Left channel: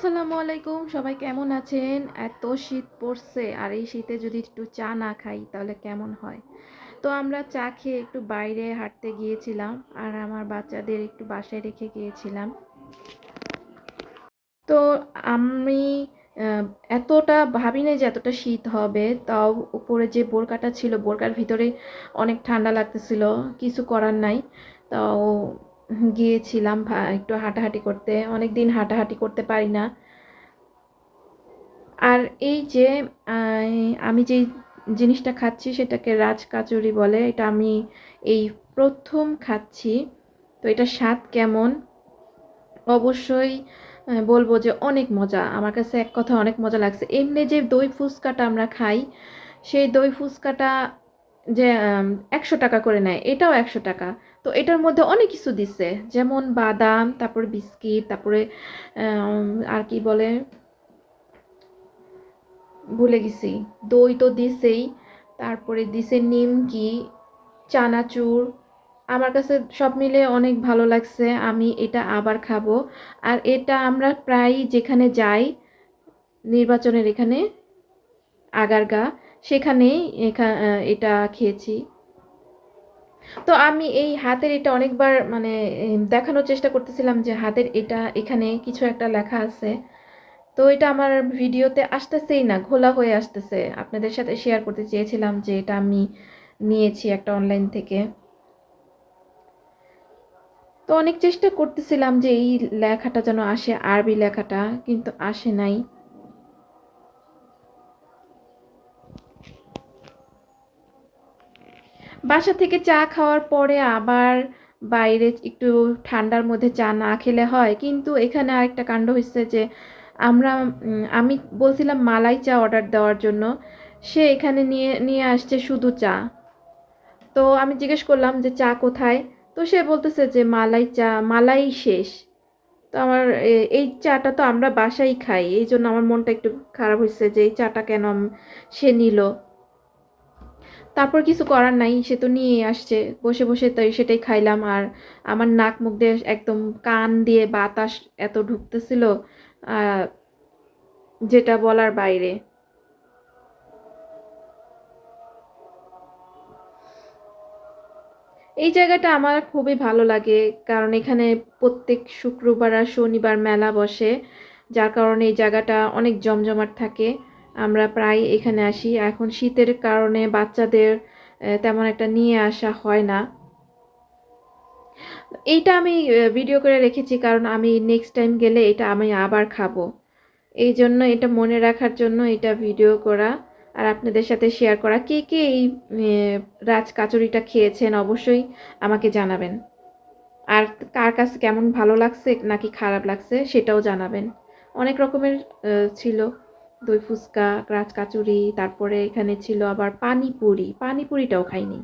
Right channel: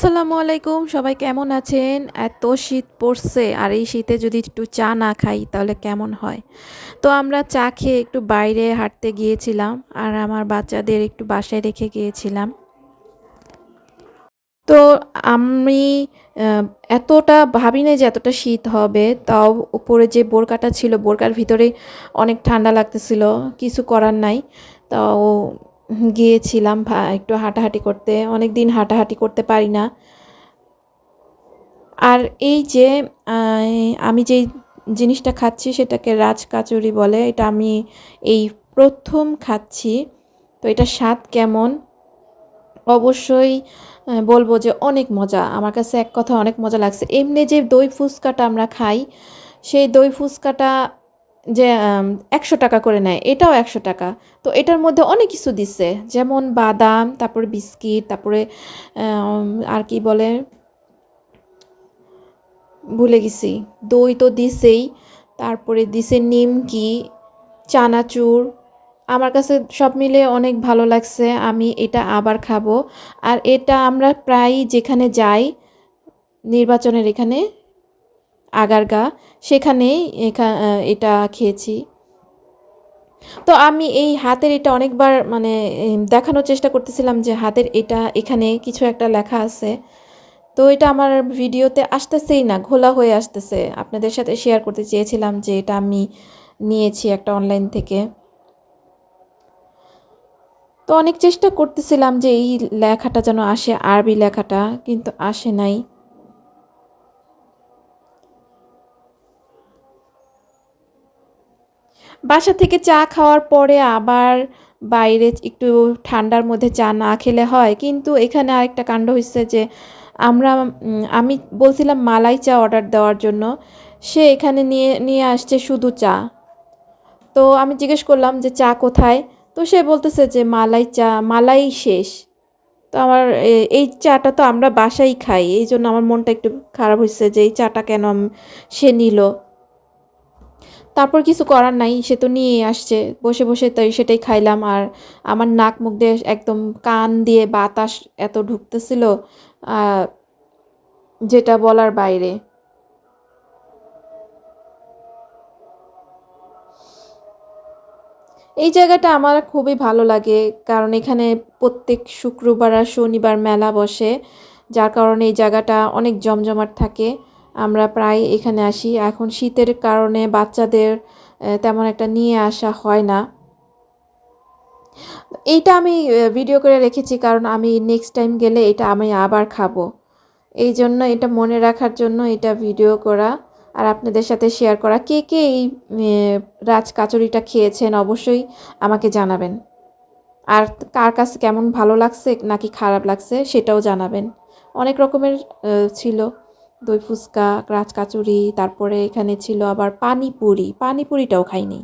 আসসালামু আলাইকুম, সবাই কেমন আছেন? এত শীত পড়ছে আর এই শীতে যদি একটু চা না খাই তাহলে কেমন হয়? তো আমরা চা খেয়ে একটু বাইরে হাঁটতে গিয়েছিলাম আর আমার বাচ্চাদের একটু বাসায় রেখে গিয়েছিলাম। তো আমি আ এতটা ভাবি নাই যে এতটা শীত হবে। তাও উপরে যে বোরকাটা ছিল বোরকার ভিতরেই অনেক ঠান্ডা লাগতেছিল। কিছু করার নাই। তাও গিয়েছিলাম একটু হাঁটাহাঁটি করতে। অনেকদিন হাঁটাহাঁটি করতে পারি না। আর এই যে আ আমি যেই জিনিসটা খাচ্ছি সেটাকে রাজকাচুরি বলে। এটা আমি এই ১ম খাচ্ছি। তো এটার স্বাদ কেমন? অবশ্যই বলব যে অনেক মজা। আমার কাছে এক কথায় অনেক মজা লাগছে। এমনি যে দই ফুচকাটা আমরা খাই, সেই দই ফুচকাটা যে ৳১০০ করে নেয়, এটাও ৳১০০। তো এটার মধ্যে অনেক কিছু দিছে। যেমন বাদাম, তারপরে বিস্কিট, তারপরে আর কি বলে? ভুলে গেছি। দই তো দিছেই। তারপরে দিছে নিমকি, চানাচুর। আমার কাছে সব মিলিয়ে অনেক ভালো লাগছে। আমি এটা আবার খাবো। আর এটা আমরা প্রায়ই যেখানে যাই, নির্বাচনের এখানে আগারগা, সেখানেই এটা খেয়েছি। তো আমি এই হাতের এটা অনেকবার মানে দেখানোর চেষ্টা করতেছিলাম যে হাতের এটা এখানে কিছু একটা লেখা আছে। তো এটা আমার ভিডিওতে আসতেছেই না, ঘোলা হয়ে আসতেছে। আপনাদের সাথে শেয়ার করতে চেয়েছিলাম যে এটা আমি নিয়েছি একটা অনলাইন থেকে। তো অনেক চেষ্টা করতেছিলাম যে এই লেখাটা যেন আসে, আরবি লেখাটা, কিন্তু আসে নাই। বাসা থেকে চা খাওয়ার পরে আবার বাইরে একটু ঠান্ডার মধ্যে চা না খেলে হয়। কিন্তু এখানে আরেকটা কাণ্ড হইছে যে আমি বলছিলাম মালাই চা অর্ডার দেওয়ার জন্য। সে এখানে নিয়ে নিয়ে আসছে শুধু চা। তো আমি জিজ্ঞেস করলাম যে চা কোথায়? তো সে বলতেছে যে মালাই চা, মালাই শেষ। তো আমার এই চাটা তো আমরা বাসায় খাই। এইজন্য আমার মনটা একটু খারাপ হইছে যে এই চাটা কেন সে নিল? তারপর কিছু করার নাই। সে তো নিয়েই আসছে। বসে, বসে তাই সেটাই খাইলাম। আর আমার নাক মুখ দিয়ে একদম কান দিয়ে বাতাস এত ঢুকতেছিল, আ যেটা বলার বাইরে। এই জায়গাটা আমার খুবই ভালো লাগে। কারণ এখানে প্রত্যেক শুক্রবার আর শনিবার মেলা বসে। যার কারণে এই জায়গাটা অনেক জমজমাট থাকে। আমরা প্রায় এখানে আসি। এখন শীতের কারণে বাচ্চাদের তেমন একটা নিয়ে আসা হয় না। এইটা আমি ভিডিও করে রেখেছি কারণ আমি নেক্সট টাইম গেলে এটা আমি আবার খাবো। এইজন্য এটা মনে রাখার জন্য এটা ভিডিও করা আর আপনাদের সাথে শেয়ার করা। কে, কে এই রাজ কাচুরিটা খেয়েছেন অবশ্যই আমাকে জানাবেন। আর কার কাছে কেমন ভালো লাগছে নাকি খারাপ লাগছে সেটাও জানাবেন। অনেক রকমের ছিল। দই ফুচকা, রাজ কাচুরি, তারপরে এখানে ছিল আবার পানিপুরি। পানিপুরিটাও খাইনি।